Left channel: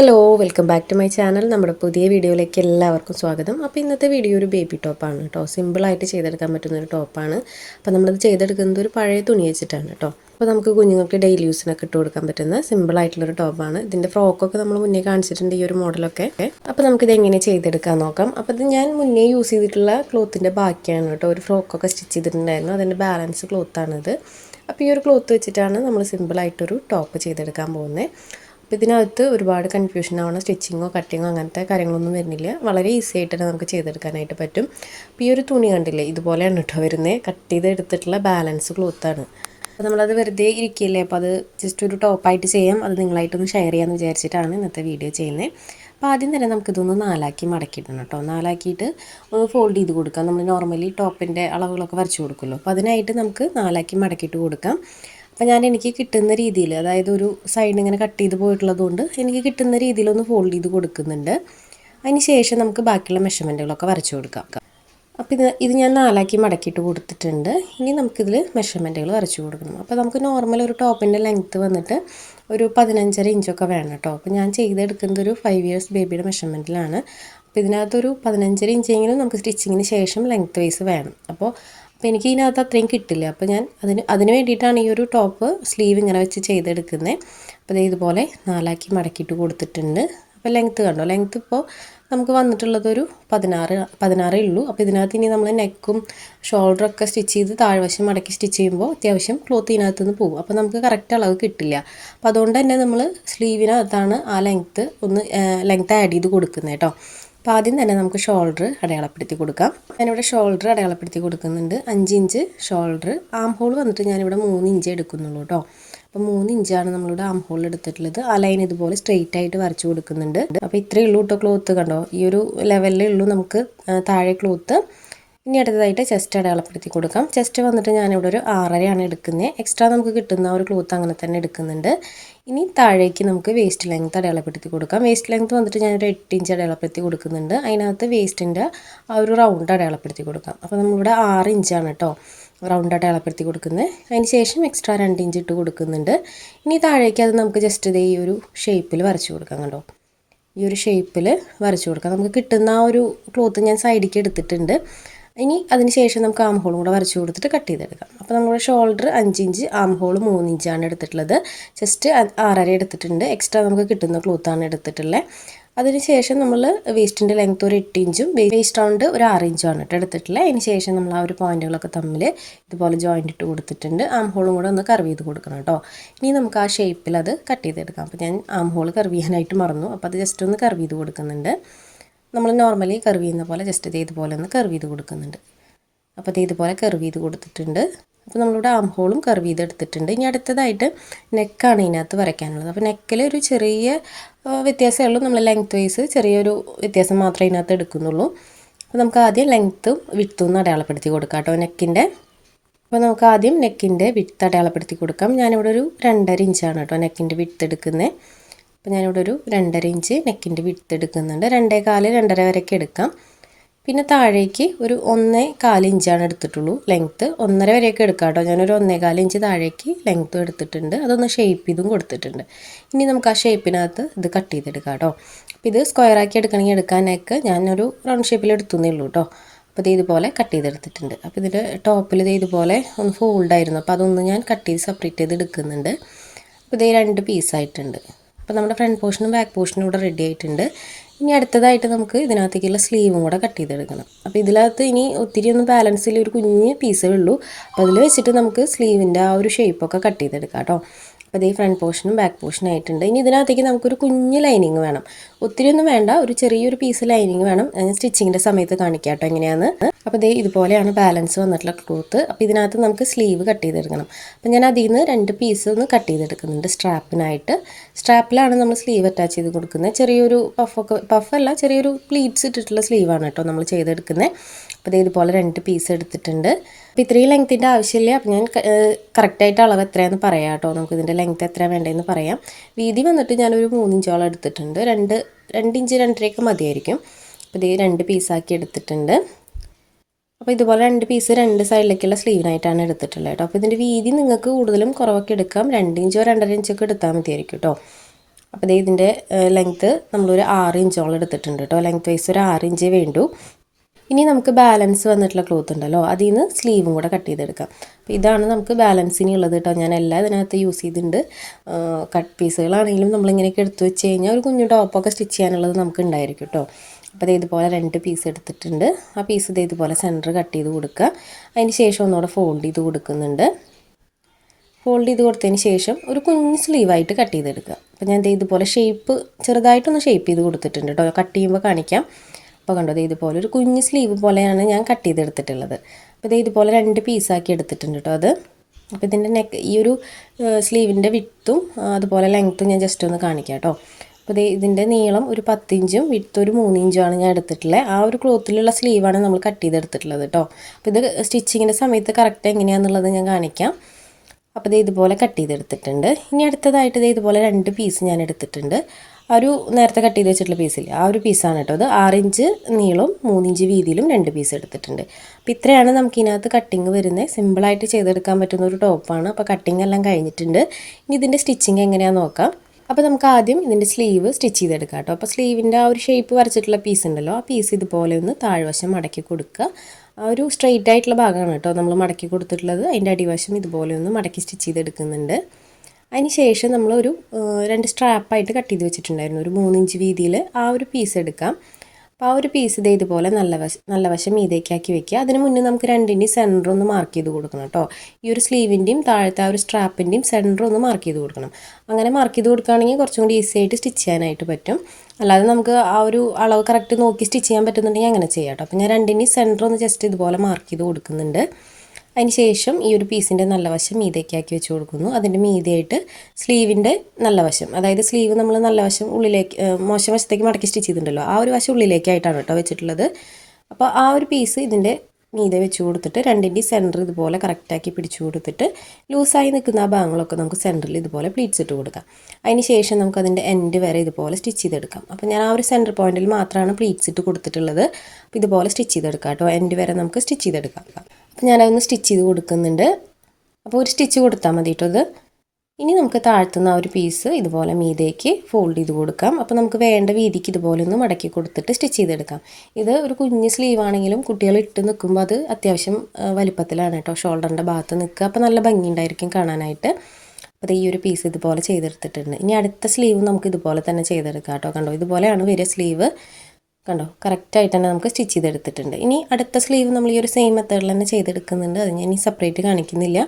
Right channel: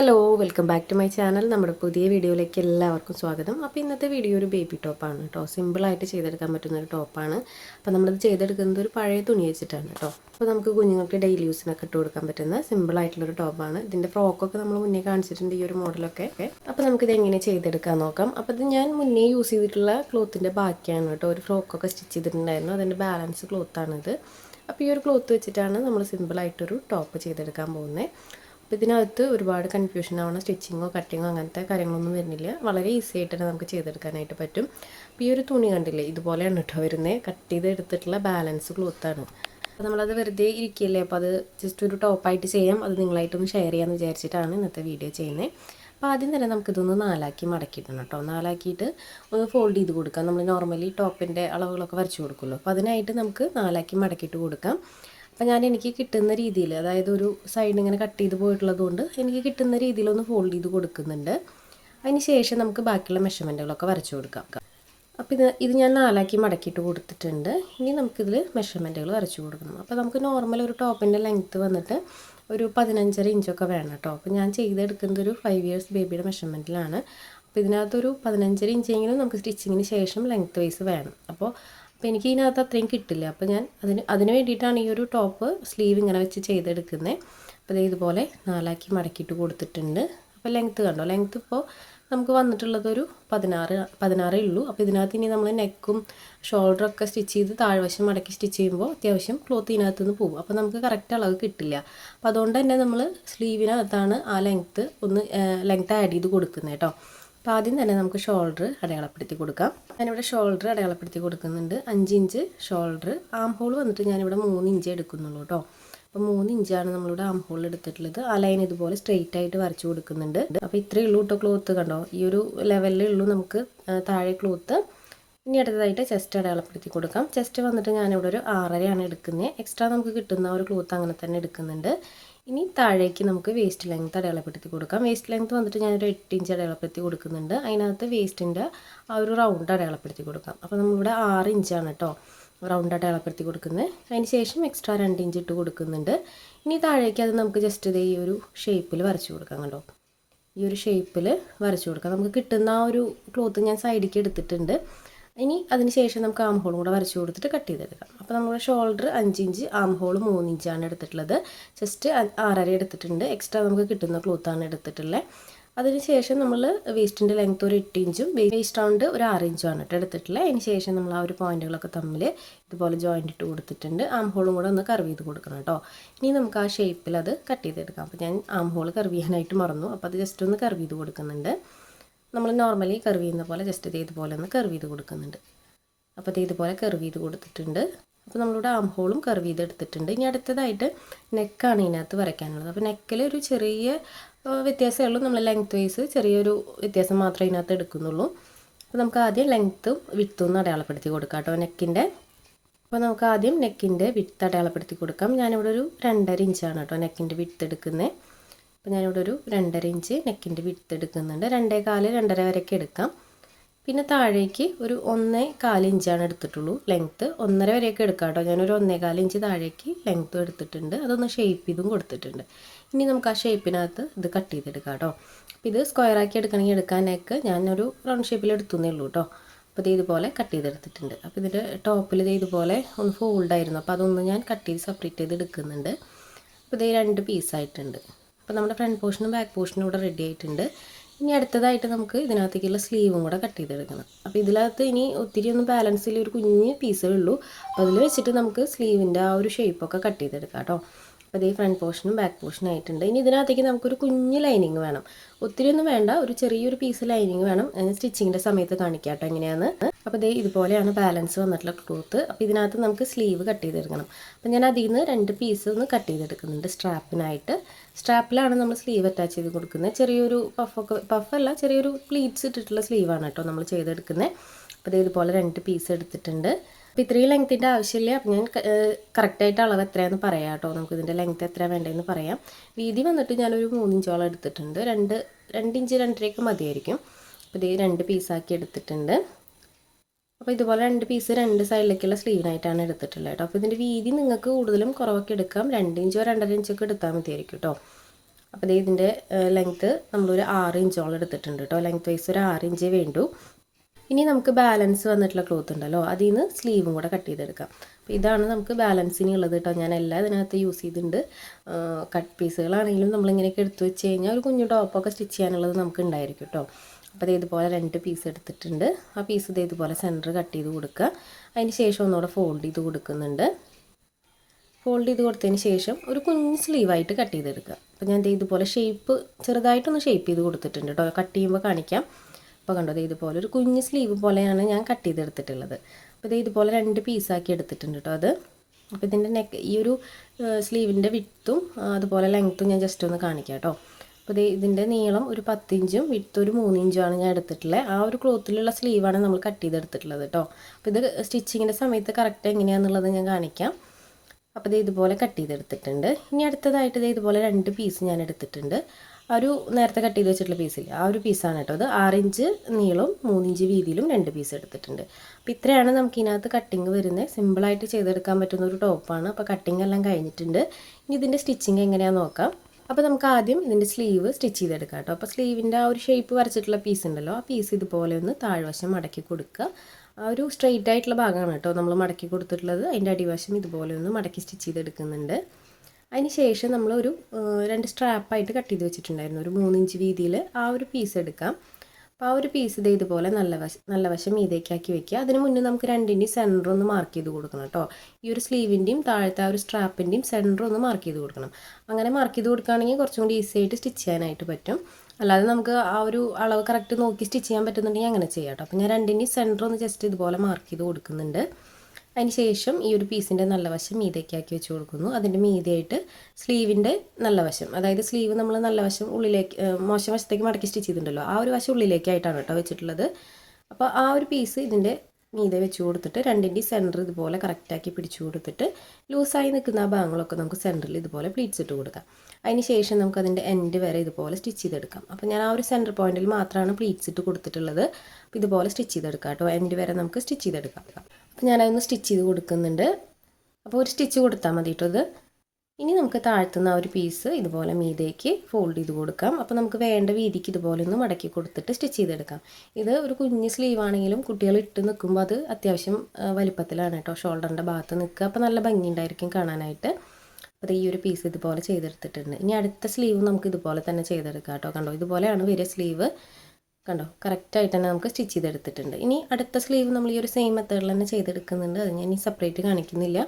Hello welcome back to my channel. നമ്മുടെ പുതിയ വീഡിയോയിലേക്ക് എല്ലാവർക്കും സ്വാഗതം. അപ്പോൾ ഇന്നത്തെ വീഡിയോ ഒരു ബേബി ടോപ്പാണ് കേട്ടോ. സിമ്പിളായിട്ട് ചെയ്തെടുക്കാൻ പറ്റുന്നൊരു ടോപ്പാണ്. അപ്പോൾ നമ്മളത് ചെയ്തെടുക്കുന്നത് ഒരു പഴയ തുണി വെച്ചിട്ടാണ് കേട്ടോ. അപ്പോൾ നമുക്ക് കുഞ്ഞുങ്ങൾക്ക് ഡെയിലി യൂസിനൊക്കെ ഇട്ട് കൊടുക്കാൻ പറ്റുന്ന സിമ്പിളായിട്ടുള്ളൊരു ടോപ്പാണ്. ഇതിൻ്റെ ഫ്രോക്കൊക്കെ നമ്മൾ മുന്നേ കാണിച്ചിട്ടുണ്ട്, ഈ ഒരു മോഡലൊക്കെ. അപ്പോൾ നമുക്കിത് എങ്ങനെ ചെയ്തെടുക്കാൻ നോക്കാം. അപ്പോൾ ഇത് ഞാൻ മുന്നേ യൂസ് ചെയ്തിട്ടുള്ള ക്ലോത്തിൻ്റെ ബാക്കിയാണ് കേട്ടോ. ഒരു ഫ്രോക്കൊക്കെ സ്റ്റിച്ച് ചെയ്തിട്ടുണ്ടായിരുന്നു, അതിൻ്റെ ബാലൻസ് ക്ലോത്താണിത്. അപ്പോൾ ഈ ഒരു ക്ലോത്ത് വെച്ചിട്ടാണ് നമ്മൾ സിമ്പിളായിട്ടൊരു ടോപ്പ് ചെയ്തെടുക്കാൻ പോകുന്നത്. അപ്പോൾ ഇതിനകത്ത് ഒരുപാട് കൺഫ്യൂഷൻ ആവണം, സ്റ്റിച്ചിങ്ങോ കട്ടിങ്ങോ അങ്ങനത്തെ കാര്യങ്ങളൊന്നും വരുന്നില്ല. വളരെ ഈസി ആയിട്ട് തന്നെ നമുക്ക് ചെയ്തെടുക്കാനായിട്ട് പറ്റും. അപ്പോൾ ഈ ഒരു തുണി കണ്ടില്ലേ, ഇതുപോലെയാണ് കേട്ടോ വരുന്നത്. കട്ട് ചെയ്ത് എടുത്തിട്ടുള്ള ബാലൻസ് ക്ലോത്താണ്. അപ്പോൾ നമ്മളത് വെറുതെ ഇരിക്കില്ലേ, അപ്പോൾ അത് ജസ്റ്റ് ഒരു ടോപ്പായിട്ട് ചെയ്യാം. അത് നിങ്ങളായിട്ടൊന്ന് ഷെയർ ചെയ്യാമെന്ന് വിചാരിച്ചിട്ടാണ് ഇന്നത്തെ വീഡിയോ ചെയ്യുന്നത്. അപ്പോൾ ആദ്യം തന്നെ നമുക്കിതൊന്ന് നാലാക്കി മടക്കിയിടണം കേട്ടോ. നാലാക്കിയിട്ട് ഒന്ന് ഫോൾഡ് ചെയ്ത് കൊടുക്കാം. നമ്മൾ നോർമലി ടോപ്പിൻ്റെ അളവുകളൊക്കെ വരച്ച് കൊടുക്കുമല്ലോ, അപ്പോൾ അതിനായിട്ട് നമുക്ക് നാലാക്കി മടക്കിയിട്ട് കൊടുക്കാം. അപ്പോൾ എനിക്ക് കിട്ടുന്ന രീതിയിൽ, അതായത് ഒരു സൈഡ് ഇങ്ങനെ കട്ട് ചെയ്ത് പോയിട്ടുള്ളത് കൊണ്ട് എനിക്ക് കിട്ടുന്ന രീതിയിലൊന്ന് ഫോൾഡ് ചെയ്ത് കൊടുക്കുന്നുണ്ട്. അതിന് ശേഷം നമുക്ക് ബാക്കിയുള്ള മെഷർമെൻറ്റുകളൊക്കെ വരച്ച് കൊടുക്കാം. അപ്പോൾ ഇത് ഞാൻ നാലാക്കി മടക്കിയിട്ട് കൊടുത്തിട്ടുണ്ട്. ഇനി നമുക്കിതിൽ മെഷർമെൻറ്റുകൾ വരച്ച് കൊടുക്കണം. അപ്പോൾ നമുക്ക് നോർമൽ ഒരു ടോപ്പിൻ്റെ ലെങ്ത്ത് വന്നിട്ട് ഒരു 15.5 ഇഞ്ചൊക്കെ വേണം കേട്ടോ. അപ്പോൾ ഞാൻ ചെയ്തെടുക്കുന്നത് ഒരു 5 ഇയേഴ്സ് ബേബിയുടെ മെഷർമെൻറ്റിലാണ്. അപ്പോൾ ഇതിനകത്തൊരു 15.5 ഇഞ്ചെങ്കിലും നമുക്ക് സ്റ്റിച്ചിങ്ങിന് ശേഷം ലെങ്ത്ത് വൈസ് വേണം. അപ്പോൾ എനിക്ക് ഇതിനകത്ത് അത്രയും കിട്ടില്ല. അപ്പോൾ ഞാൻ അതിന് വേണ്ടിയിട്ടാണ് ഈ ഒരു ടോപ്പ് സ്ലീവ് ഇങ്ങനെ വെച്ച് ചെയ്തെടുക്കുന്നത്. അപ്പോൾ ഇതുപോലെ നാലാക്കി മടക്കിയിട്ട് കൊടുത്തിട്ടുണ്ട്. അപ്പോൾ ലെങ്ത്ത് കണ്ടോ, ലെങ്ത്ത് ഇപ്പോൾ നമുക്ക് വന്നിട്ടുള്ളതൊരു 16 ഉള്ളൂ. അപ്പോൾ ഇതിനകത്ത് ഇനി നമ്മൾ നെക്കും ഷോൾഡറൊക്കെ സ്റ്റിച്ച് ചെയ്ത് താഴ്വശം മടക്കി സ്റ്റിച്ച് ചെയ്യുമ്പോൾ അത്യാവശ്യം ക്ലോത്ത് ഇതിനകത്ത് നിന്ന് പോകും. അപ്പോൾ നമുക്ക് കറക്റ്റ് അളവ് കിട്ടില്ല. അപ്പോൾ അതുകൊണ്ട് തന്നെ നമ്മൾ സ്ലീവിനകത്താണ് ആ ലെങ്ത്ത് ആഡ് ചെയ്ത് കൊടുക്കുന്നത് കേട്ടോ. അപ്പോൾ ആദ്യം തന്നെ നമുക്ക് ഷോൾഡർ അടയാളപ്പെടുത്തി കൊടുക്കാം. ഞാനിവിടെ ഷോൾഡർ അടയാളപ്പെടുത്തി കൊടുക്കുന്നുണ്ട്. 5 ഇഞ്ച് ഷോൾഡർ. ആം ഹോൾ വന്നിട്ട് ഞാനിവിടെ 3 ഇഞ്ച് എടുക്കുന്നുള്ളൂ കേട്ടോ. അപ്പോൾ 3 ഇഞ്ചാണ് നമ്മളിവിടെ ആം ഹോൾ എടുത്തിട്ടുള്ളത്. ആ ലൈൻ ഇതുപോലെ സ്ട്രെയിറ്റ് ആയിട്ട് വരച്ച് കൊടുക്കുന്നുണ്ട്. അപ്പോൾ ഇത്രയേ ഉള്ളൂ കേട്ടോ ക്ലോത്ത്. കണ്ടോ, ഈ ഒരു ലെവലിലേ ഉള്ളൂ നമുക്ക് താഴെ ക്ലോത്ത്. ഇനി അടുത്തതായിട്ട് ചെസ്റ്റ് അടയാളപ്പെടുത്തി കൊടുക്കാം. ചെസ്റ്റ് വന്നിട്ട് ഞാനിവിടെ ഒരു 6.5 എടുക്കുന്നത്. എക്സ്ട്രാ നമുക്ക് കിട്ടുന്ന ഒരു ക്ലോത്ത് അങ്ങനെ തന്നെ എടുക്കുന്നുണ്ട്. ഇനി താഴേക്ക് നമുക്ക് വേസ്റ്റ് ലെങ്ത്ത് അടയാളപ്പെടുത്തി കൊടുക്കാം. വേസ്റ്റ് ലെങ്ത്ത് വന്നിട്ട് ഞാനൊരു 8 ഇഞ്ച് അടയാളപ്പെടുത്തി കൊടുക്കുന്നുണ്ട്. അതിനകത്ത് വേസ്റ്റിൻ്റെ ആ ഒരു റൗണ്ട് അടയാളപ്പെടുത്തി കൊടുക്കാം. അപ്പോൾ നമ്മളിവിടെ 6 ഇഞ്ചാണ് കേട്ടോ റൗണ്ട് അടയാളപ്പെടുത്തി കൊടുക്കുന്നത്. അതിന് ശേഷം എക്സ്ട്രാ 2 ഇഞ്ച് ഇട്ട് കൊടുക്കുന്നുണ്ട്. ഇനി താഴേക്ക് അത് നമുക്ക് ജസ്റ്റ് ഈ ഒരു ഷേപ്പിൽ വരച്ച് കൊടുക്കാം. കണ്ടോ, ഈ ഒരു ഷേപ്പിൽ വരച്ച് കൊടുക്കാം. നമുക്ക് കിട്ടുന്ന ആ ഒരു ക്ലോത്ത് ഞാൻ സൈഡിലേക്ക് എടുത്തിട്ടുണ്ട്. ഇനി അതിന് ശേഷം നമുക്ക് ആം ഹോളും കൂടെ വരച്ച് കൊടുത്തിട്ട് കട്ട് ചെയ്തെടുക്കാം. അപ്പോൾ നമ്മുടെ ഷോൾഡർ 5 ഇഞ്ച്, ആം ഹോൾ 3 ഇഞ്ചാണ് എടുത്തിട്ടുള്ളത്. ജസ്റ്റ് 6.5 എടുത്തിട്ടുണ്ട്. എക്സ്ട്രാ നമുക്ക് കിട്ടുന്ന ക്ലോത്താണ് എടുത്തിട്ടുള്ളത്. അതിന് ശേഷം നമ്മൾ വേസ്റ്റിൻ്റെ ലെങ്ത്ത് ഒരു 8 ഇഞ്ചും വേസ്റ്റ് റൗണ്ട് ഒരു 6 ഇഞ്ചുമാണ് എടുത്തിട്ടുള്ളത്. അതിന് ശേഷം നമ്മൾ ആ ഒരു പോയിൻറ്റുകളൊക്കെ തമ്മിൽ ഇതുപോലെ ജോയിൻ്റ് ഇട്ട് കൊടുത്തിട്ടുണ്ട്. ആം ഹോളും കൂടെ ഒന്ന് കർവ് ചെയ്ത് കൊടുക്കണം കേട്ടോ. ഇനി നമുക്ക് ആ ഷേപ്പിൽ അത് കട്ട് ചെയ്തെടുക്കാം. അപ്പോൾ ഞാൻ ആം ഹോൾ കർവ് ചെയ്യാനായിട്ട് മറന്നു. അപ്പോൾ അത് ജസ്റ്റ് ഒന്ന് കർവ് ചെയ്ത് കൊടുക്കുന്നുണ്ട്. നമ്മൾ നോർമലി കർവ് ചെയ്യുന്ന പോലെ ജസ്റ്റ് ഇതുപോലെ ഒന്ന് കർവ് ചെയ്ത് കൊടുക്കുന്നുണ്ട്. അപ്പോൾ ഇതുപോലെ കർവ് ചെയ്ത് കൊടുത്തിട്ടുണ്ട്. അപ്പോൾ നമ്മളിവിടെ ആം ഹോളും കർവ് ചെയ്തെടുത്തിട്ടുണ്ട്. ഇനി അടുത്തതായിട്ട് നെക്കാണ് ഇതിനകത്ത് വരയ്ക്കാനുള്ളത്. അപ്പോൾ നെക്കിൽ ഒരു ചെറിയ വ്യത്യാസമേ ഉള്ളൂ. നമ്മൾ ലെങ്ത്ത് വൈസ് ചെറിയൊരു വ്യത്യാസം മാത്രമേ ഇതിനകത്ത് എടുക്കുന്നുള്ളൂ. അപ്പോൾ നമുക്ക് ആദ്യം ലെങ്ത്തും വിഡ്ത്തും അടയാളപ്പെടുത്തി കൊടുക്കാം കേട്ടോ നെക്കിൻ്റെ. അപ്പോൾ നമുക്ക് ആദ്യം നെക്കിൻ്റെ വിഡ്ത്ത് അടയാളപ്പെടുത്തി കൊടുക്കാം. ഞാനിവിടെ ഒരു 2.5 ഇഞ്ചാണ് കേട്ടോ നെക്കിൻ്റെ വിഡ്ത്ത് എടുക്കുന്നത്. അപ്പോൾ ഞാനിവിടെ ഒരു 2.5 ഇഞ്ച് നെക്കിൻ്റെ വിഡ്ത്ത് എടുക്കുന്നുണ്ട്. 2.25 2.5 വരെയൊക്കെ എടുക്കാം. പിന്നെ താഴേക്ക് ഒരു 1.25 ഇഞ്ചാണ് എടുത്തിട്ടുള്ളൂ ലെങ്ത്ത്. 1.5 വരെയൊക്കെ എടുക്കാം കേട്ടോ. ഞാനൊരു 1.25 ഇഞ്ച് താഴേക്ക് ലെങ്ത്തും എടുത്തിട്ടുണ്ട്. അതൊന്ന് ഷേപ്പ് ചെയ്തും കൊടുത്തിട്ടുണ്ട്. ഇനി നമുക്ക് ആ ഷേപ്പിനകത്ത് ഇത് കട്ട് ചെയ്തെടുക്കാം കേട്ടോ. അപ്പോൾ ഇത് സ്ക്വയറാക്കി എടുക്കണമെങ്കിൽ എടുക്കാനൊക്കെ ഞാനൊരു റൗണ്ട് ഷേപ്പിൽ എടുത്തുന്നേ ഉള്ളൂ കേട്ടോ. അപ്പോൾ ഇതുപോലെ കട്ട് ചെയ്തെടുത്തിട്ടുണ്ട്. അപ്പോൾ ഇതിൻ്റെ ടോപ്പിൽ ഇതുപോലെ ഒന്ന് ഫോൾഡായിരുന്നു. അപ്പോൾ അതൊന്ന് ഞാൻ കട്ട് ചെയ്ത് സെപ്പറേറ്റ് ചെയ്ത് എടുക്കുന്നുണ്ട്. അപ്പോൾ 2 പീസായിട്ടുണ്ട്. അപ്പോൾ നമ്മുടെ ഫ്രണ്ട് പോർഷനും ബാക്ക് പോർഷനും ഇവിടെ റെഡി ആയിട്ടുണ്ട്. ഇനി അടുത്തതായിട്ട് നമുക്ക് ഇതിനകത്തേക്കുള്ള സ്ലീവും കൂടെ കട്ട് ചെയ്തെടുക്കണം. അപ്പോൾ ഇതിനകത്ത് ഇനി ഒത്തിരി ഒന്നും ബാലൻസിൽ ഒരു കുഞ്ഞ് പീസേ ഉള്ളൂ. അപ്പോൾ അതിൽ വെച്ചിട്ട് നമുക്ക് സ്ലീവിൻ്റെ ആ ഒരു ഷേപ്പൊക്കെ കട്ട് ചെയ്തെടുക്കാം കേട്ടോ. അപ്പോൾ ഫ്രണ്ട് പോർഷനും ബാക്ക് പോർഷനും ആയിട്ടുണ്ട്. ഇനി ഇതിനകത്തേക്ക് നമുക്കൊരു കുഞ്ഞ് ലൈനിങ് വേണം. ഒത്തിരി ഒന്നും വേണ്ട, ഒരു ചെറിയൊരു പീസ് ലൈനിങ് വേണം. സ്റ്റിച്ചിങ്ങിൻ്റെ സമയത്ത് കാണിക്കാം കേട്ടോ എങ്ങനെയാണ്. അപ്പോൾ ഇതുപോലെയാണ് ബാലൻസ് വന്നിട്ടുള്ള ക്ലോത്ത്. അപ്പോൾ ഇതിനകത്ത് നമുക്ക് സ്ലീവ് കട്ട് ചെയ്തെടുക്കണം. അപ്പോൾ ഞാൻ അതിൽ നിന്ന് 2 പീസ് ഒന്ന് കട്ട് ചെയ്തെടുക്കുന്നുണ്ട് സ്ട്രാപ്പിനായിട്ട്. സ്ട്രാപ്പിലാണ് നമ്മൾ സ്ലീവ് അറ്റാച്ച് ചെയ്ത് കൊടുക്കുന്നത്. ചെറിയൊരു പഫല്ല, ചെറിയൊരു പ്ലീറ്റ്സ് ഇട്ടിട്ടുള്ള സ്ലീവാണ് കേട്ടോ നമ്മൾ ചെയ്തെടുക്കുന്നത്. അപ്പോൾ ഇതുപോലെ 2 പീസ് എടുത്തിട്ടുണ്ട്. അപ്പോൾ ഇത്രയും ലെങ്ത്തിൻ്റെ ആവശ്യമില്ല. അപ്പോൾ ഞാൻ കറക്റ്റായിട്ട് അളവ് എത്രയാണെന്ന് പറയാം കേട്ടോ. നമുക്കിതിൻ്റെ ലെങ്ത്ത് എത്ര വേണ്ടതെന്ന് പറയാം. വീതി വന്നിട്ട് ഞാനൊരു 3 ഇഞ്ചോളം എടുത്തിട്ടുണ്ട്. 2 ഇഞ്ച് 2.5 മതിയായിരിക്കും. അപ്പോൾ 2 പീസാക്കി എടുത്തിട്ടുണ്ട്. അപ്പോൾ ഇതുപോലെ 2 പീസ് 2 സൈഡിലേക്കുള്ള സ്ലീവിനായിട്ടാണ് എടുത്തിട്ടുള്ളത് കേട്ടോ. അപ്പോൾ ഇതിൻ്റെ വീതി നിങ്ങൾക്ക് കൂടുതലും കുറവൊക്കെ എടുക്കാം. 2 ഇഞ്ചോ 2.5 ഇഞ്ചൊക്കെ എടുത്താൽ മതിയായിരിക്കും കേട്ടോ. അപ്പോൾ ഇതിൻ്റെ ലെങ്ത്ത് നമ്മളൊരു 6 ഇഞ്ചോളം എടുത്തിട്ടുണ്ട് കേട്ടോ. ലെങ്ത്ത് വൈസ് ഒരു 6 ഇഞ്ചേ വേണ്ടൂ. ഇനി നമുക്ക് ബാലൻസ് വന്നിട്ടുള്ള ക്ലോത്ത് ഉണ്ടല്ലോ, അതിൽ നിന്ന് സ്ലീവും കൂടെ കട്ട് ചെയ്തെടുക്കാം. അപ്പോൾ ഇതാണ് നമുക്ക് ബാലൻസിന് ഉള്ളത് കേട്ടോ. ഞാൻ എല്ലാം ഇതിനകത്ത് യൂസ് ചെയ്തിട്ടുണ്ട്. കട്ട് പീസുകളാണെങ്കിലും നമ്മളിങ്ങനെയൊക്കെ എടുത്തു വെച്ച് കഴിഞ്ഞാൽ ഒരു കുഞ്ഞു ടോപ്പൊക്കെ സ്റ്റിച്ച് ചെയ്യാനുള്ളത് നമുക്ക് ഉണ്ടായിരിക്കും കേട്ടോ. അപ്പോൾ ഇതുപോലെ 2 പീസ് എടുത്തിട്ടുണ്ട്. ആ പീസ് ഇതുപോലെ സെൻറ്റർ കട്ട് ചെയ്ത് കൊടുക്കുക. അതിന് ശേഷം ഒന്നുകൂടെ ഫോൾഡ് ചെയ്ത് കൊടുക്കുന്നുണ്ട്. ഫോൾഡ് ചെയ്ത് കൊടുത്തതിന് ശേഷം ഒരു കുഞ്ഞ് സ്ലീവായിട്ട് കട്ട് ചെയ്തെടുക്കുക. അപ്പോൾ ഞാൻ ഇതുപോലെ ഷേപ്പ് ചെറുതായിട്ടൊന്ന് ഷേപ്പ് ചെയ്ത് കൊടുത്തിട്ടുണ്ട് കേട്ടോ. കട്ട് ചെയ്യുമ്പോൾ കാണിക്കാം. അപ്പോൾ കണ്ടോ, ഇതുപോലെ ഒരു കുഞ്ഞ് സ്ലീവ് പോലെയാണ് ഞാൻ കട്ട് ചെയ്തെടുത്തിട്ടുള്ളത്. അപ്പോൾ ഇതുപോലെ 2 പീസാക്കി എടുത്തിട്ടുണ്ട് കേട്ടോ അത്. അപ്പോൾ ഇതിൻ്റെ ഈ ഒരു സ്ലീവിൻ്റെ വിഡ്ത്തും അതുപോലെ ലെങ്ത്തും ഞാൻ ജസ്റ്റ് ഒന്ന് കാണിക്കാം കേട്ടോ. അപ്പോൾ ഇതിൻ്റെ നീളം ഒരു 10 ഇഞ്ചും വിഡ്ത്ത് ഒരു 3 ഇഞ്ചുമാണ് ഞാൻ എടുത്തിട്ടുള്ളത്. ആ ഒരു ക്ലോത്തിലുള്ള സ്ലീവാണ് നമ്മൾ കട്ട് ചെയ്തെടുത്തിട്ടുള്ളത് കേട്ടോ. അപ്പോൾ ഇത് സ്റ്റിച്ചിങ്ങിൻ്റെ സമയത്ത് കറക്റ്റ് എങ്ങനെയാണെന്നുള്ളത് ഞാൻ കാണിക്കാം. അപ്പോൾ ഇതുപോലെ കട്ട് ചെയ്തെടുത്തിട്ടുണ്ട്. ഇനി അടുത്തതായിട്ട് ഇതുപോലെ 2 പീസ് ഞാൻ എടുത്തിട്ടുണ്ട്. ആ ഒരു നേരത്തെ കട്ട് ചെയ്ത് വെച്ചിട്ടുള്ള പീസില്ല, ആ ഒരു പീസാണ് കേട്ടോ അത്. 6 ഇഞ്ച് നീളവും 3 ഇഞ്ച് വീതിയിലും 2 പീസ് എടുത്തിട്ടുണ്ട്. അപ്പോൾ ഇത്രയാണ് നമുക്ക് ഇതിനകത്ത് കട്ടിങ് വരുന്നത്. സിമ്പിളായിട്ട് ചെയ്തെടുക്കാൻ പറ്റുന്ന ഒരു ടോപ്പാണ്. അപ്പോൾ കട്ടിങ് എല്ലാം കഴിഞ്ഞിട്ടുണ്ട്. ഇനി ഇതിൻ്റെ സ്റ്റിച്ചിങ് എങ്ങനെയാണെന്ന് നോക്കാം. അപ്പോൾ നമുക്ക് ആദ്യം ഇതിൻ്റെ സ്ലീവ് സ്റ്റിച്ച് ചെയ്തെടുക്കാം കേട്ടോ. അപ്പോൾ സ്ലീവിൻ്റെ ആ ഒരു ഷേപ്പ് വരച്ചിട്ടുള്ള പീസ് ഉണ്ടല്ലോ, ആ പീസ് ഇതുപോലെ ഒന്ന് താഴ്വശം മടക്കി കൊടുക്കുക. ആ ഒരു സ്ട്രെയിറ്റ് ആയിട്ടുള്ള ഭാഗമാണ് കേട്ടോ നമ്മൾ മടക്കി കൊടുത്തിട്ടുള്ളത്. അതിൻ്റെ അടിവശം ഇതുപോലെ ഒന്ന് മടക്കി സ്റ്റിച്ച് ചെയ്തെടുക്കുന്നുണ്ട്. അതിന് ശേഷം നമ്മൾ ഒരു 2 സ്ട്രാപ്പായിട്ട് കട്ട് ചെയ്ത് വെച്ചിട്ടുണ്ടായിരുന്നു, ഒരു 3 ഇഞ്ച് വീതിയിൽ. ആ ഒരു പീസ് എടുക്കാം. അപ്പോൾ ആ ഒരു പീസ് ഇതുപോലെ നല്ല വശം മീതേക്കാക്കി വെക്കുക. അതിന് മുന്നേ നമുക്ക് 2ൻ്റെയും സെൻറ്റർ ഒന്ന് മാർക്ക് ചെയ്ത് കൊടുക്കണം കേട്ടോ. ഈ ഒരു സ്ലീവിൻ്റെയും താഴത്തെ ആ ഒരു സ്ട്രാപ്പിൻ്റെയും സെൻറ്റർ ഒന്ന് മാർക്ക് ചെയ്ത് കൊടുക്കണം. അങ്ങനെ മാർക്ക് ചെയ്ത് കൊടുക്കുകയാണെങ്കിൽ കുറച്ചും കൂടി ഈസി ആയിട്ട് സ്റ്റിച്ച് ചെയ്യാനായിട്ട് പറ്റും. അല്ലാതെ നമുക്ക് ആ ഒരു അളവ് കറക്റ്റ് നോക്കി സ്റ്റിച്ച് ചെയ്യാൻ പറ്റുന്നുണ്ടെങ്കിൽ അങ്ങനെ ചെയ്യാം കേട്ടോ. അപ്പോൾ ഞാൻ 2ൻ്റെയും സെൻറ്റർ ഒന്ന് ജസ്റ്റ് ഇതുപോലെ മാർക്ക് ചെയ്ത് കൊടുക്കുന്നുണ്ട്. അതിന് ശേഷം ഈ ഒരു പീസിൻ്റെ നല്ല വശം മീതേക്കാക്കി വെച്ച് കൊടുക്കുന്നു. അതിൻ്റെ മീതയായിട്ട് സ്ലീവിൻ്റെ നല്ല വശം, അതായത് സ്ലീവ് നമ്മൾ നല്ല വശം ഉള്ളിലേക്ക് മോശം വശത്തേക്ക് മടക്കി സ്റ്റിച്ച് ചെയ്തിട്ടുണ്ടല്ലോ, ആ ഒരു വശം ഉള്ളിലേക്കായിട്ടാണ് കേട്ടോ വെച്ചിട്ടുള്ളത്. അപ്പോൾ ആ ഒരു പീസ് ഇതിൻ്റെ മീതെ വെച്ച് കൊടുത്തിട്ട് 2ൻ്റെയും സെൻറ്റർ ഇതുപോലെ കറക്റ്റാക്കി പിടിച്ചു കൊടുത്തിട്ട് ലൂസായി നിൽക്കുന്ന ആ ഭാഗങ്ങളൊക്കെ നമുക്ക് സെൻറ്ററിൽ ഇതുപോലെ പ്ലീറ്റ്സ് ഇട്ട് കൊടുക്കാം. അതിന് ശേഷം നമുക്ക് അതിൻ്റെ എൻഡ് വരെ ഇതുപോലെ സ്റ്റിച്ച് ചെയ്തെടുക്കാം. അപ്പോൾ ഞാൻ ആ ഒരു സെൻറ്റർ പോയിൻറ്റിൽ മാത്രമാണ് പ്ലീറ്റ്സ് ഇട്ട് കൊടുത്തിട്ടുള്ളത്. അപ്പോൾ ഇതുപോലെ സ്റ്റിച്ച് ചെയ്തെടുക്കാം കേട്ടോ. എൻഡ് വരെ നമുക്ക് സ്റ്റിച്ച് ചെയ്തെടുക്കാം. അപ്പോൾ ഞാനതൊന്ന് സ്റ്റിച്ച് ചെയ്ത് കൊടുക്കുന്നുണ്ട്. അപ്പോൾ ഒരു സ്റ്റിച്ച് കൊടുത്താൽ മതി കേട്ടോ ഇത്. ഇനി നമുക്ക് താഴ്ത്തുന്ന ആ ഒരു പീസ് ഇതുപോലെ മീതേക്ക് ഫോൾഡ് ചെയ്ത് കൊടുക്കാം. അപ്പോൾ നമുക്ക് വേണ്ട വീതിക്ക് ഇതുപോലെ ഒന്ന് മടക്കി കൊടുത്തിട്ട് സ്റ്റിച്ച് ചെയ്തെടുക്കാം. ഇത് ഒരു കുഞ്ഞ് സ്ലീവ് ആണെങ്കിലും കുട്ടികൾ ഇട്ട് നിൽക്കുമ്പോൾ അത് അത്യാവശ്യം വലിപ്പത്തിലാണ് കേട്ടോ ഷോൾഡറിൻ്റെ ഭാഗത്ത് നിൽക്കുക. അപ്പോൾ നല്ല ഭംഗിയുണ്ടായിരിക്കും കാണാനായിട്ട്. അപ്പോൾ ഈ ഒരു പീസ് ഇതുപോലെ ചെയ്തെടുത്തിട്ടുണ്ട്. ഇനി അടുത്ത സ്ലീവ് നമുക്ക് ഇതുപോലെ തന്നെ ചെയ്തെടുക്കാം കേട്ടോ. കണ്ടോ, ഇതുപോലെയാണ് വരിക സ്ലീവ്. കണ്ടോ, കറക്റ്റായിട്ട് തന്നെ നമുക്ക് സ്റ്റിച്ച് ചെയ്തെടുത്തിട്ടുണ്ട്. ഇനി അടുത്ത സ്ലീവ് നമ്മൾ ഈ ഒരു സെയിം മെത്തേഡിൽ തന്നെ ചെയ്തെടുക്കുന്നുണ്ട്. അത് ഞാൻ ഇനി സെപ്പറേറ്റ് കാണിക്കുന്നില്ല.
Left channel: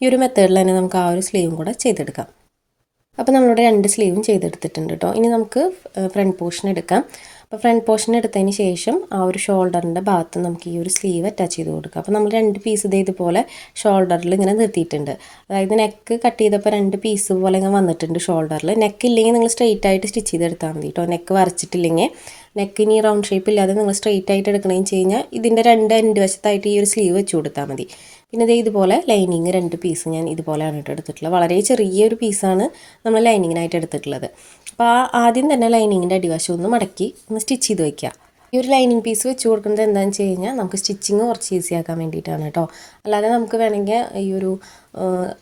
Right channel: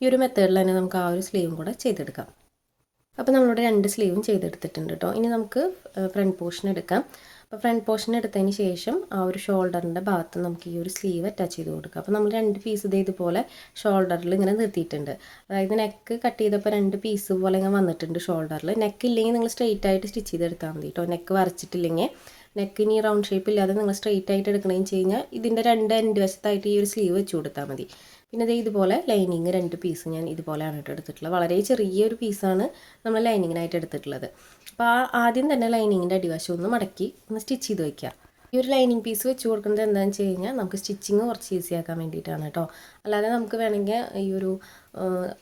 ഈ ഒരു മെത്തേഡിൽ തന്നെ നമുക്ക് ആ ഒരു സ്ലീവും കൂടെ ചെയ്തെടുക്കാം. അപ്പോൾ നമ്മളുടെ 2 സ്ലീവും ചെയ്തെടുത്തിട്ടുണ്ട് കേട്ടോ. ഇനി നമുക്ക് ഫ്രണ്ട് പോർഷൻ എടുക്കാം. അപ്പോൾ ഫ്രണ്ട് പോർഷൻ എടുത്തതിന് ശേഷം ആ ഒരു ഷോൾഡറിൻ്റെ ഭാഗത്ത് നമുക്ക് ഈ ഒരു സ്ലീവ് അറ്റാച്ച് ചെയ്ത് കൊടുക്കാം. അപ്പോൾ നമ്മൾ 2 പീസ് ഇതുപോലെ ഷോൾഡറിൽ ഇങ്ങനെ നിർത്തിയിട്ടുണ്ട്. അതായത് നെക്ക് കട്ട് ചെയ്തപ്പോൾ 2 പീസ് പോലെ ഇങ്ങനെ വന്നിട്ടുണ്ട് ഷോൾഡറിൽ. നെക്ക് ഇല്ലെങ്കിൽ നിങ്ങൾ സ്ട്രെയിറ്റ് ആയിട്ട് സ്റ്റിച്ച് ചെയ്തെടുത്താൽ മതി കേട്ടോ. നെക്ക് വരച്ചിട്ടില്ലെങ്കിൽ നെക്കിന് റൗണ്ട് ഷേപ്പ് ഇല്ലാതെ നിങ്ങൾ സ്ട്രെയിറ്റ് ആയിട്ട് എടുക്കണമെന്ന് വെച്ച് കഴിഞ്ഞാൽ ഇതിൻ്റെ 2 എൻഡ് വശത്തായിട്ട് ഈ ഒരു സ്ലീവ് വെച്ച് കൊടുത്താൽ മതി. പിന്നെ ഇതുപോലെ ലൈനിങ് 2 പീസ് ഞാൻ ഇതുപോലെയാണ് കേട്ടോ എടുത്തിട്ടുള്ളത്. വളരെ ചെറിയൊരു പീസാണ് നമ്മൾ ലൈനിങ്ങിനായിട്ട് എടുത്തിട്ടുള്ളത്. അപ്പോൾ ആദ്യം തന്നെ ലൈനിങ്ങിൻ്റെ അടിവശം ഒന്ന് മടക്കി ഒന്ന് സ്റ്റിച്ച് ചെയ്ത് വയ്ക്കുക. ഈ ഒരു ലൈനിങ് പീസ് വെച്ച് കൊടുക്കുന്നത് എന്താണെന്ന് വെച്ച് കഴിഞ്ഞാൽ നമുക്ക് സ്റ്റിച്ചിങ് കുറച്ച് ഈസി ആക്കാൻ വേണ്ടിയിട്ടാണ് കേട്ടോ. അല്ലാതെ നമുക്ക് വേണമെങ്കിൽ ഈ ഒരു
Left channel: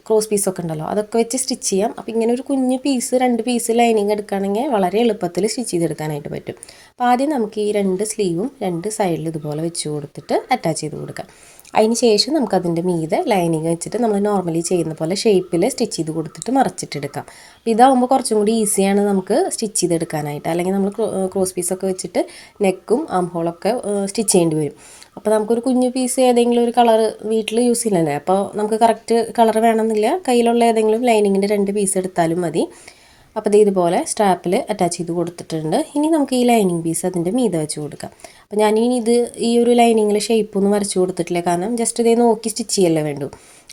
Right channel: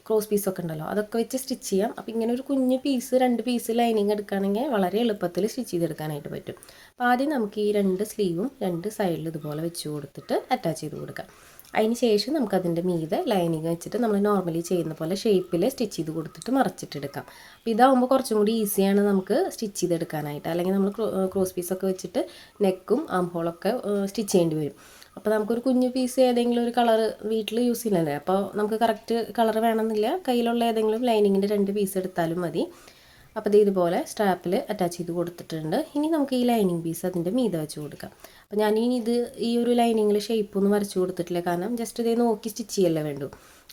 ക്രോസ് പീസൊക്കെ ഉണ്ടല്ലോ അതൊക്കെ വെച്ച് സ്റ്റിച്ച് ചെയ്യാം. അപ്പോൾ ഇങ്ങനെ ഒരു കുഞ്ഞ് പീസ് 2 പീസ് ലൈനിങ് എടുക്കുകയാണെങ്കിൽ വളരെ എളുപ്പത്തിൽ സ്റ്റിച്ച് ചെയ്തെടുക്കാനായിട്ട് പറ്റും. അപ്പോൾ ആദ്യം നമുക്ക് ഈ 2 സ്ലീവും 2 സൈഡിൽ ഇതുപോലെ വെച്ച് കൊടുത്തിട്ട് അറ്റാച്ച് ചെയ്ത് കൊടുക്കാം. അതിന് ശേഷം നമുക്കതിൻ്റെ മീതെ ലൈനിങ് വെച്ചിട്ട് നമ്മൾ നോർമലി ചെയ്യുന്ന പോലെ ഷേപ്പിൽ സ്റ്റിച്ച് ചെയ്ത് കൊടുത്തിട്ട് മറച്ചിട്ടെടുക്കാം. അപ്പോൾ ഇതാകുമ്പോൾ കുറച്ചും കൂടി ഈസിയാണ് നമുക്ക് സ്റ്റിച്ച് ചെയ്തെടുക്കാനായിട്ട്. അല്ലെങ്കിൽ നമ്മൾ ക്രോസ് പീസൊക്കെ വെച്ചിട്ട് നെക്കും ആം ഹോളൊക്കെ സ്റ്റിച്ച് ചെയ്യേണ്ടി വരും. അപ്പോൾ നമുക്കൊരു കുഞ്ഞു പീസ് ഏതെങ്കിലും ഒരു കളർ വീട്ടിൽ യൂസ് ചെയ്യുന്നില്ലേ, അപ്പോൾ നമുക്ക് കറക്റ്റ് കളർ വേണമെന്നില്ല, കയ്യിലുള്ള ഏതെങ്കിലും ലൈനിങ്ങിൻ്റെ 2 പീസ് എടുത്താലും മതി. അപ്പോൾ ഇതുപോലെ സ്ട്രാപ്പിൽ അറ്റാച്ച് ചെയ്ത് കൊടുത്തിട്ടുണ്ട്. ഇനി നമുക്ക് ഈ ലൈനിങ് പീസ് അതിൻ്റെ മീതെ വെച്ച് കൊടുക്കാം. അപ്പോൾ ഞാനിനി ഈ ഒരു ലൈനിങ്ങിൽ ഷേപ്പൊന്നും വരച്ച് കൊടുത്തിട്ടില്ല, കാരണം ജസ്റ്റ് ഇതേ നോക്കി സ്റ്റിച്ച് ചെയ്യല്ലേ വേണ്ടു.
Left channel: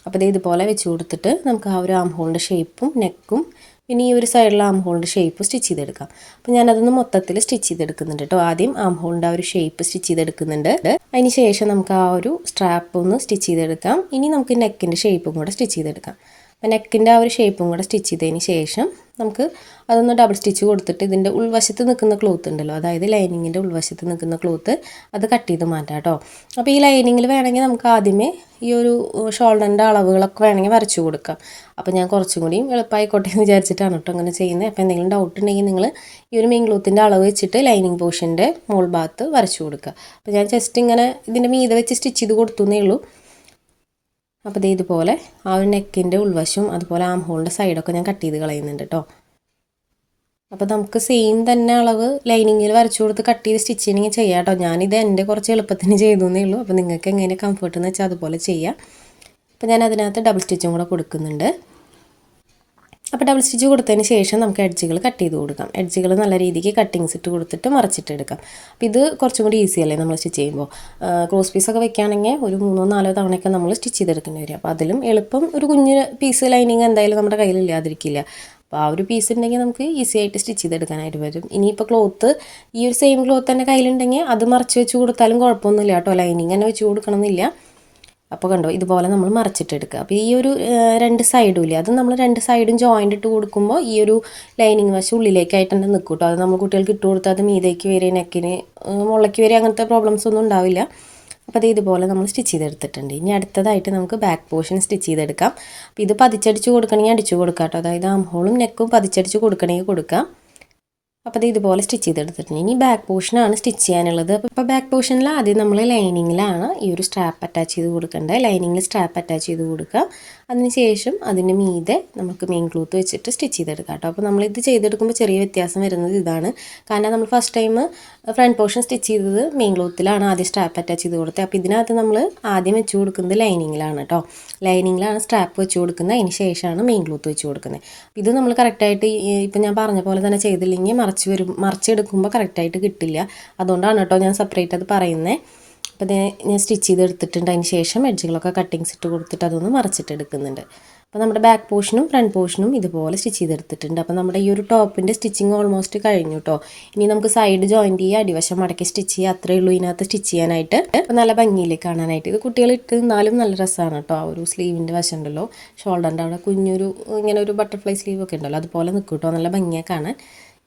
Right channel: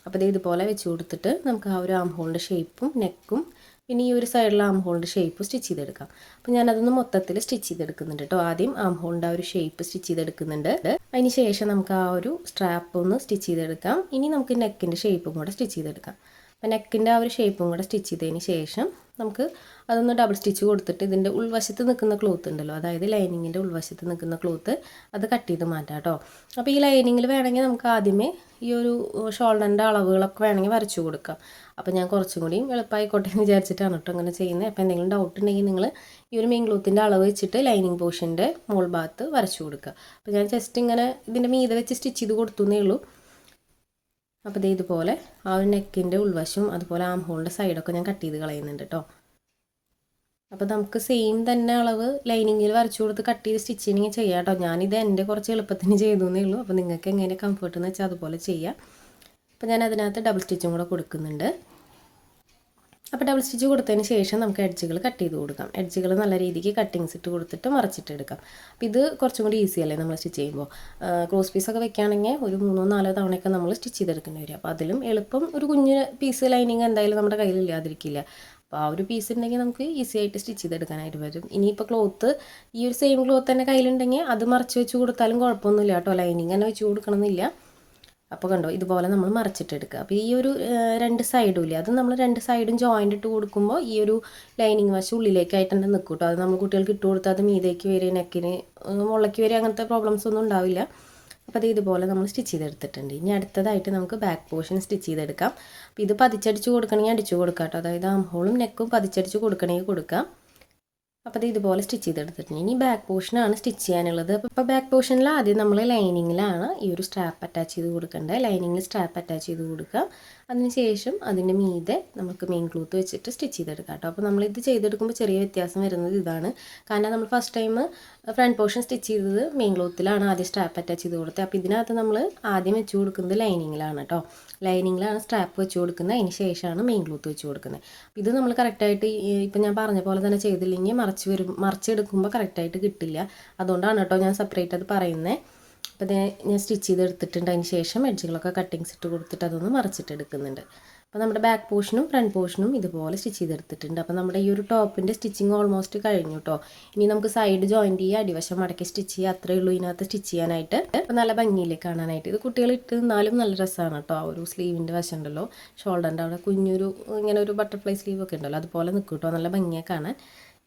അപ്പോൾ ഇതുപോലെ വെച്ച് കൊടുത്തിട്ട് നമുക്ക് ആ ഒരു ആം ഹോളിൻ്റെ ഷേപ്പും നെക്കും പിന്നെ ഈ ഒരു സൈഡിലെ ആം ഹോളിൻ്റെ ഷേപ്പ് സ്റ്റിച്ച് ചെയ്തെടുക്കാം. അപ്പോൾ ഞാനതൊന്ന് മൊത്തത്തിൽ സ്റ്റിച്ച് ചെയ്തെടുക്കുന്നുണ്ട് കേട്ടോ. ആദ്യം ആം ഹോളിൻ്റെ ആ ഒരു ഷേപ്പ് സ്റ്റിച്ച് ചെയ്തെടുക്കുന്നുണ്ട്. അതിന് ശേഷം നമുക്ക് ആ ഒരു സ്ട്രാപ്പ് ഒന്ന് സ്റ്റിച്ച് ചെയ്തെടുക്കാം. ഇനി നമുക്ക് നെക്കിൻ്റെ ഷേപ്പും കൂടെ സ്റ്റിച്ച് ചെയ്തെടുക്കാം. അപ്പോൾ നെക്കിൻ്റെ ആ ഒരു ഷേപ്പും കൂടെ സ്റ്റിച്ച് ചെയ്തതിന് ശേഷം നമുക്ക് അതൊന്ന് ഡബിൾ സ്റ്റിച്ച് കൊടുത്തിട്ട് ഇതിൻ്റെ ഉൾവശത്ത് നിൽക്കുന്ന ക്ലോത്ത് ഉണ്ടല്ലോ, അതായത് ലൈനിങ്ങിൻ്റെ ഉൾവശത്ത് നിൽക്കുന്ന ക്ലോത്ത് അത് കട്ട് ചെയ്ത് മാറ്റാം കേട്ടോ. അപ്പോൾ ഈ ലൈനിങ്ങിൽ വേണമെങ്കിൽ നമുക്ക് ആദ്യമേ ഈ ഒരു ഷോൾഡറിൻ്റെ അളവുകളൊക്കെ വേണമെങ്കിൽ വരച്ചു കൊടുക്കാം. അപ്പോൾ ഞാൻ കുറച്ചും കൂടിയും എളുപ്പമായിക്കോട്ടെ എന്ന് വിചാരിച്ചിട്ടാണ് കേട്ടോ അങ്ങനെ ചെയ്യുന്നത്. അപ്പോൾ എന്തെങ്കിലും ഡൗട്ട് ഉണ്ടെങ്കിൽ നിങ്ങൾ ഈ ഒരു മെയിൻ ക്ലോത്തിൻ്റെ അളവ് വെച്ചിട്ട് ലൈനിങ് പോർഷൻ്റെ മോൾ ഭാഗത്ത് വരച്ചു കൊടുക്കുക. അപ്പോൾ ഞാൻ ജസ്റ്റ് ഇങ്ങനെ ഇതിൻ്റെ മീതെ വെച്ച് സ്റ്റിച്ച് ചെയ്ത് കൊടുത്തുന്നേ ഉള്ളൂ. അപ്പോൾ ഇതുപോലെ ആ ഒരു നെക്കിൻ്റെ ഉൾവശവും അതുപോലെ ആം ഹോളിൻ്റെ സൈഡൊക്കെ ഞാൻ കട്ട് ചെയ്ത് കളയുന്നുണ്ട് കേട്ടോ. അപ്പോൾ നമുക്ക് സെയിം തന്നെ അളവ് ലൈനിങ്ങിൽ വരച്ചു കൊടുത്ത് കട്ട് ചെയ്ത് സ്റ്റിച്ച് ചെയ്യണമെങ്കിൽ ചെയ്യാം കേട്ടോ. ഞാനിത് എൻ്റെ കുറച്ച് എളുപ്പത്തിന് ചെയ്തേ ഉള്ളൂ. അപ്പോൾ നിങ്ങൾക്ക് എങ്ങനെ കംഫർട്ട് എന്ന് വെച്ചാൽ അതുപോലെ ചെയ്യാം. അപ്പോൾ ഞാൻ അതിനകത്ത് ഡബിൾ സ്റ്റിച്ചും കൂടെ കൊടുക്കുന്നുണ്ട്. അപ്പോൾ ഡബിൾ സ്റ്റിച്ച് കൊടുത്തതിന് ശേഷം നമുക്ക് എഡ്ജുകൾ കട്ട് ചെയ്ത് കൊടുക്കാം. എഡ്ജുകൾ നല്ല രീതിക്ക് കട്ടിങ്സ് ഇട്ട് കൊടുത്തിട്ട് മറിച്ചിട്ട് എടുക്കാം. അപ്പോൾ ഇത് കുറച്ചും കൂടി ഈസി അല്ലേ നമ്മൾ സ്റ്റിച്ച് ചെയ്യുമ്പോൾ. ക്രോസ് പീസൊക്കെ വെക്കുകയാണെങ്കിൽ ഒരു 3-4 തവണയൊക്കെ നമ്മൾ സ്റ്റിച്ച് ചെയ്തെടുക്കേണ്ടി വരും. അപ്പോൾ അതിലും എളുപ്പം ഒരു കുഞ്ഞ് പീസ് ലൈനിങ് എന്തായാലും നമ്മുടെ കയ്യിൽ ഇല്ലാതിരിക്കില്ല. അപ്പോൾ ആ ഒരു പീസ് ഉണ്ടെങ്കിൽ നമുക്ക് ഈസി ആയിട്ട് സ്റ്റിച്ച് ചെയ്തെടുക്കാനായിട്ട് വരും. ഇനിയിപ്പോൾ ക്ലോത്ത് ഈ ഒരു സെയിം ക്ലോത്ത് തന്നെ കയ്യിലുണ്ടെങ്കിൽ അത് മറിച്ച് വെച്ച് കൊടുത്താലും കുഴപ്പമൊന്നുമില്ല കേട്ടോ. ലൈനിങ് തന്നെ വെച്ച് കൊടുക്കണമെന്നില്ല. അപ്പോൾ കണ്ടോ, ഇതുപോലെ നമ്മൾ മറിച്ചിട്ടെടുക്കുക. അപ്പോൾ ഈ ഒരു 2 സൈഡും ഇല്ലേ, അത് നമ്മൾ 2 സൈഡും ജോയിൻ്റ് ഇട്ട് കൊടുക്കുമ്പോൾ ഈ ഒരു ലൈനിങ് വശം ഉള്ളിലേക്കായിട്ട് തന്നെ നിൽക്കും കേട്ടോ. അത് നമ്മൾ കുട്ടികൾക്ക് ഇട്ട് കൊടുത്താൽ അത് മീതേക്ക് വരെ നെക്കിന് മുളയ്ക്ക് വരെ അങ്ങനത്തെ പ്രോബ്ലംസ് ഒന്നും ഉണ്ടാവില്ല. അപ്പോൾ അത് ഇതുപോലെ നമ്മൾ സ്റ്റിച്ച് ചെയ്തെടുത്തിട്ടുണ്ട്. ഇനി അടുത്തതായിട്ട് നമുക്ക് ബാക്ക് പോർഷൻ സ്റ്റിച്ച് ചെയ്തെടുക്കാം. അപ്പോൾ ഇത് പതിച്ചടിച്ച് കൊടുക്കണമെങ്കിൽ അടിച്ചു കൊടുക്കാം കേട്ടോ. അതായത് ആം ഹോളും നെക്കും പതിച്ചടിച്ച് കൊടുക്കണമെങ്കിൽ കൊടുക്കാം. അപ്പോൾ ഇതുപോലെ സ്റ്റിച്ച് ചെയ്തെടുത്തിട്ടുണ്ട്. ഇനി ബാക്ക് പോർഷനാണ് സ്റ്റിച്ച് ചെയ്യാനുള്ളത്. അപ്പോൾ ബാക്ക് പോർഷനിൽ ആദ്യം നമ്മൾ ലൈനിങ്ങിലാണ് ഈ ഒരു സ്ട്രാപ്പ് അറ്റാച്ച് ചെയ്ത് കൊടുക്കേണ്ടത്. ലൈനിങ്ങിൽ സ്ട്രാപ്പ് അറ്റാച്ച് ചെയ്ത് കൊടുക്കുക. അതിനുശേഷം അതിന് മീതെ നമുക്ക് മെയിൻ ക്ലോത്ത് വെച്ചിട്ട് സ്റ്റിച്ച് ചെയ്തെടുക്കാം കേട്ടോ. അപ്പോൾ നമ്മളിത് ചെയ്തെടുക്കുമ്പോൾ ചെറിയ വ്യത്യാസം വരുന്നത് ഇതാണ്. കാരണം നമ്മൾ first time front portion stitch ചെയ്തത് മെയിൻ ക്ലോത്തിലാണ് ആദ്യം സ്ട്രാപ്പ് അറ്റാച്ച് ചെയ്ത് കൊടുത്തത്. അപ്പോൾ ഇതിനകത്ത് നമ്മൾ ആദ്യം വെച്ച് കൊടുക്കുന്നത് ലൈനിങ്ങിലാണ് കേട്ടോ. ലൈനിങ്ങിലാണ് സ്ട്രാപ്പ് വെച്ച് കൊടുക്കുന്നത്. അതിന് ശേഷമാണ് മെയിൻ ക്ലോത്ത് വെച്ച് കൊടുക്കുന്നത്. അപ്പോൾ ഇത് നമ്മൾ കറക്റ്റായിട്ട് ഇപ്പം ഞാൻ പറഞ്ഞ പോലെ തന്നെ ചെയ്തില്ലെങ്കിൽ മറിച്ചെടുക്കുമ്പോൾ കറക്റ്റായിട്ട് കിട്ടില്ല. അതുകൊണ്ടാണ് കേട്ടോ ഞാൻ സെപ്പറേറ്റ് അത് പറയുന്നത്. അപ്പോൾ ഞാൻ സ്റ്റിച്ച് ചെയ്തെടുത്തിട്ടുണ്ട്. അതിന് ശേഷം എഡ്ജുകളൊക്കെ കട്ടിങ്സ് ഇട്ട് കൊടുത്തിട്ട് അതൊന്ന് മറിച്ചിട്ടെടുക്കുന്നുണ്ട്. അപ്പോൾ നമ്മുടെ ബാക്ക് പോർഷനും ഫ്രണ്ട് പോർഷനും ഇതുപോലെ സ്റ്റിച്ച് ചെയ്തെടുത്തിട്ടുണ്ട്. അപ്പോൾ നമ്മുടെ ഈ ഒരു ടോപ്പിൻ്റെ സ്റ്റിച്ചിങ് ഓൾമോസ്റ്റ് കഴിഞ്ഞു കേട്ടോ. ഇനി നമുക്ക് സൈഡ് ജോയിൻറ്റ് ചെയ്യുക, അടിവശം മടക്കി സ്റ്റിച്ച് ചെയ്യുക, അത്രയേ ഉള്ളൂ ഇതിനകത്ത് സ്റ്റിച്ച് ചെയ്യാനായിട്ട്. അപ്പോൾ നല്ല ഭംഗിയിലേക്ക് കാണാനായിട്ട് ഇത് കുട്ടികൾ ഇട്ട് നിന്നാലും നല്ല രസമാണ് കേട്ടോ. ആ ഒരു സ്ലീവിൻ്റെ വശം ഉണ്ടല്ലോ, ഷോൾഡറിൻ്റെ അവിടെ കുഞ്ഞൊരു ഇങ്ങനെ ഒരു ബട്ടർഫ്ലൈ സ്ലീവ് ഒക്കെ ഉണ്ടല്ലോ, അതുപോലെ നിൽക്കും കേട്ടോ, നല്ല ഭംഗിയാണ് കാണാൻ.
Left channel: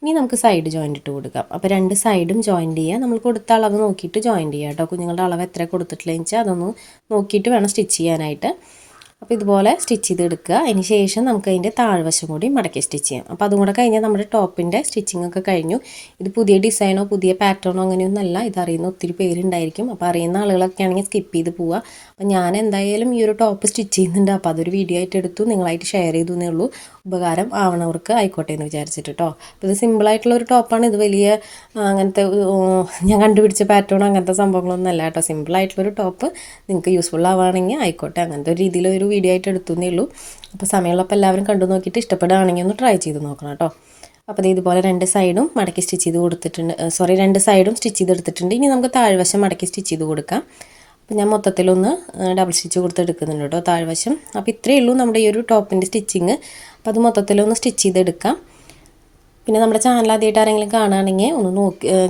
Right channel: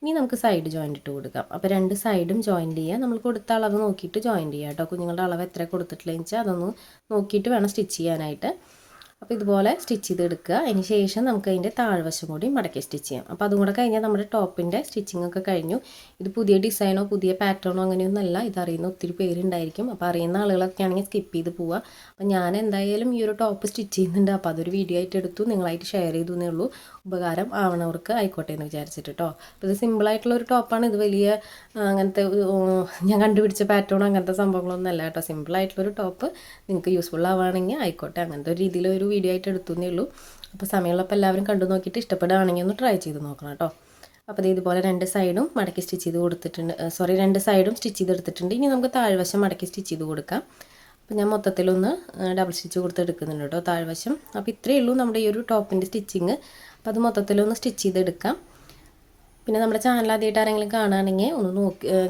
ഇനി നമുക്ക് സൈഡ് ജോയിൻ്റ് ഇട്ട് കൊടുക്കാം. അപ്പോൾ 2 സൈഡും ജോയിൻ്റ് ചെയ്യുക. നമ്മൾ കൊടുത്ത അളവ് നോക്കിയിട്ട് ജോയിൻ്റ് ചെയ്യുക കേട്ടോ. കുഞ്ഞുങ്ങളുടെ അളവ് എത്ര കൊടുത്തിട്ടില്ലെന്ന് വെച്ചാൽ അതൊന്ന് നോക്കിയിട്ട് വേണം സ്റ്റിച്ച് ചെയ്യാനായിട്ട്. അപ്പോൾ ഇതുപോലെ സ്റ്റിച്ച് ചെയ്തെടുക്കുക. അതിന് ശേഷം നമുക്ക് അതിൻ്റെ താഴ്വശം കൂടി മടക്കി സ്റ്റിച്ച് ചെയ്യാം. അപ്പോൾ അതും കൂടെ കഴിഞ്ഞാൽ നമ്മുടെ ടോപ്പിൻ്റെ സ്റ്റിച്ചിങ് ഒക്കെ കഴിഞ്ഞു. ഇത് പുതിയ ഡിസൈനോ പുതിയ പാറ്റേണോ അങ്ങനെയൊന്നുമല്ല. ഇതറിയുന്ന ഒത്തിരി പേരുണ്ടായിരിക്കും. അപ്പോൾ അറിയുന്ന ആളുകളൊക്കെ ആണെങ്കിൽ സ്കിപ്പ് ചെയ്ത് പോവുക. അപ്പോൾ ഞാൻ എന്തായാലും ഈ ഒരു ടോപ്പ് സ്റ്റിച്ച് ചെയ്യുന്നുണ്ട്. അപ്പോൾ അതൊരു വീഡിയോ ആയിട്ട് എടുത്തു നിങ്ങളായിട്ട് ഷെയർ ചെയ്തു എന്നേ ഉള്ളൂ. ഉപകാരം ആവണവർക്ക് ആയിക്കോട്ടെ എന്ന് വിചാരിച്ചിട്ട് കേട്ടോ. അപ്പോൾ ഇത് സിമ്പിളായിട്ടുള്ളൊരു ടോപ്പാണ്. ഇത് വലിയ അങ്ങനത്തെ ഞാൻ കണ്ടുപിടിച്ച പാറ്റേണോ അങ്ങനത്തെ സംഭവങ്ങളൊന്നും അല്ല കേട്ടോ. സിമ്പിളായിട്ടുള്ളൊരു ടോപ്പ് നിങ്ങൾക്ക് യൂസ്ഫുൾ ആവുകയാണെങ്കിൽ ആയിക്കോട്ടെ, അങ്ങനത്തെ ഒരു രീതിയിലൊരു വീഡിയോ ആയിട്ട് എടുത്തുന്നേ ഉള്ളൂ. അപ്പോൾ സമയമുള്ളപ്പോൾ എല്ലാവരും കണ്ടു നോക്കിയിട്ട് ഇഷ്ടപ്പെടുകയാണെങ്കിൽ ഒന്ന് ട്രൈ ചെയ്ത് നോക്കണം കേട്ടോ. അപ്പോൾ ഇതുപോലെ 2 സൈഡും മടക്കി സ്റ്റിച്ച് ചെയ്ത് കൊടുത്തിട്ടുണ്ട്. 2 സൈഡും സ്റ്റിച്ച് ചെയ്തെടുത്തിട്ടുണ്ട്. ഇനി നമുക്ക് താഴ്വശം മടക്കി സ്റ്റിച്ച് ചെയ്ത് കൊടുക്കാം. അപ്പോൾ ഞാൻ മൊത്തത്തിലൊന്ന് ഡബിൾ സ്റ്റിച്ച് കൊടുത്തെടുക്കുന്നുണ്ട് കേട്ടോ താഴ്വശം. അപ്പോൾ ഇത്രയേ ഉള്ളൂ നമ്മുടെ ഈ ഒരു ടോപ്പിൻ്റെ സ്റ്റിച്ചിങ്. അപ്പോൾ അത് മൊത്തത്തിലൊന്ന് സ്റ്റിച്ച് ചെയ്തെടുക്കാം. പിന്നെ നമ്മുടെ ചാനൽ ആദ്യമായിട്ട് ആരെങ്കിലും കാണുകയാണെങ്കിൽ ഒന്ന്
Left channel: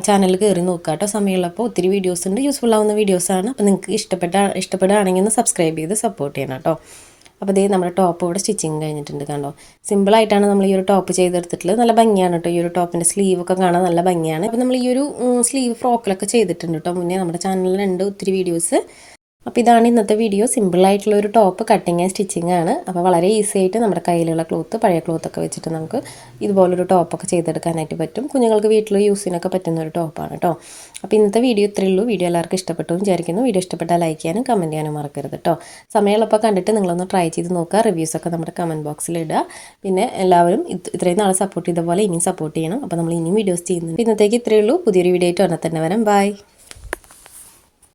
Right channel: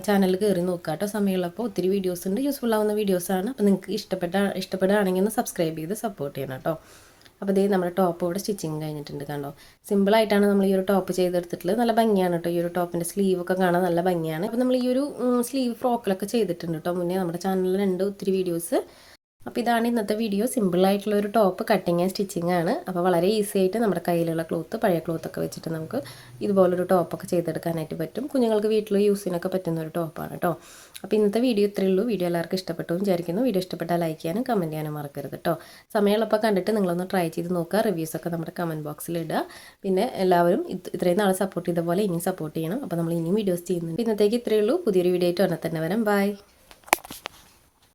ചാനലിൽ കയറി നോക്കുക കേട്ടോ. സമയമുള്ളപ്പോൾ ഒത്തിരി വീഡിയോസ് ഉണ്ട്, യൂസ്ഫുൾ ആവുന്ന വീഡിയോസാണ്. അപ്പോൾ നിങ്ങൾക്ക് ഇഷ്ടപ്പെടുകയാണെങ്കിൽ ഒന്ന് സബ്സ്ക്രൈബ് ചെയ്ത് സപ്പോർട്ട് ചെയ്യണം കേട്ടോ. അപ്പോൾ നമ്മുടെ ടോപ്പ് ഇവിടെ സ്റ്റിച്ചിങ് കഴിഞ്ഞിട്ടുണ്ട് കണ്ടോ. സിമ്പിളായിട്ടാണ് നമ്മൾ ഈ ഒരു ടോപ്പ് ചെയ്തെടുത്തിട്ടുള്ളത്. നല്ല ഭംഗിയാണ് കേട്ടോ. ഈ ഒരു ടോപ്പിൻ്റെ സ്ലീവൊക്കെ കാണാൻ നല്ല ഭംഗിയാണ്. അപ്പോൾ നമ്മൾ ഈ ഒരു സ്ലീവ് ഫ്രോക്കിലൊക്കെ ചെയ്തിട്ടുണ്ട് കേട്ടോ മുന്നേ. നമ്മുടെ ചാനലിലുണ്ട് ഒത്തിരി വീഡിയോസ്. അപ്പോൾ ഇതാണ് ഇന്നത്തെ വീഡിയോ. സിമ്പിളായിട്ടുള്ള ഒരു ടോപ്പ് കട്ടിങ് ആൻഡ് സ്റ്റിച്ചിങ് ആണ്. അപ്പോൾ വളരെ ഈസി ആയിട്ട് നമ്മുടെ കയ്യിലുള്ള ക്ലോത്ത്, പഴയ ക്ലോത്തൊക്കെ വെച്ചിട്ട് നമുക്ക് ഇതുപോലൊരു ടോപ്പൊക്കെ ചെയ്തെടുക്കാനായിട്ട് പറ്റും. കുഞ്ഞുങ്ങൾക്ക് വീട്ടിൽ യൂസിനൊക്കെ പറ്റുന്ന ഒരു ടോപ്പാണ് കേട്ടോ. അപ്പോൾ ഇന്നത്തെ വീഡിയോ ഇത്രയേ ഉള്ളൂ. വീഡിയോ എല്ലാവർക്കും ഇഷ്ടപ്പെട്ടു വിചാരിക്കുന്നു. വീഡിയോ ഇഷ്ടപ്പെട്ടാൽ ലൈക്ക് ചെയ്യാനും കമൻറ്റ് ചെയ്യാനും മറക്കരുത് കേട്ടോ. സമയമുള്ളപ്പോൾ കണ്ടിട്ട് നിങ്ങളൊന്ന് ട്രൈ ചെയ്ത് നോക്കുക. റിവ്യൂസൊക്കെ നമ്മുടെ കമൻറ്റ് ബോക്സിൽ ഇടുക. പിന്നെ എല്ലാവരും ഇത്രയും നാളെ സപ്പോർട്ട് ചെയ്ത പോലെ ഇനിയും സപ്പോർട്ട് ചെയ്യണം. അപ്പോൾ നമ്മൾ ഇനിയും വീഡിയോസ് ചെയ്യുന്നുണ്ട്. ഇന്നത്തേക്ക് ഇത്രയേ ഉള്ളൂ. പുതിയൊരു വീഡിയോ ആയിട്ട് ഉടനെ തന്നെ വരാം. ബൈ.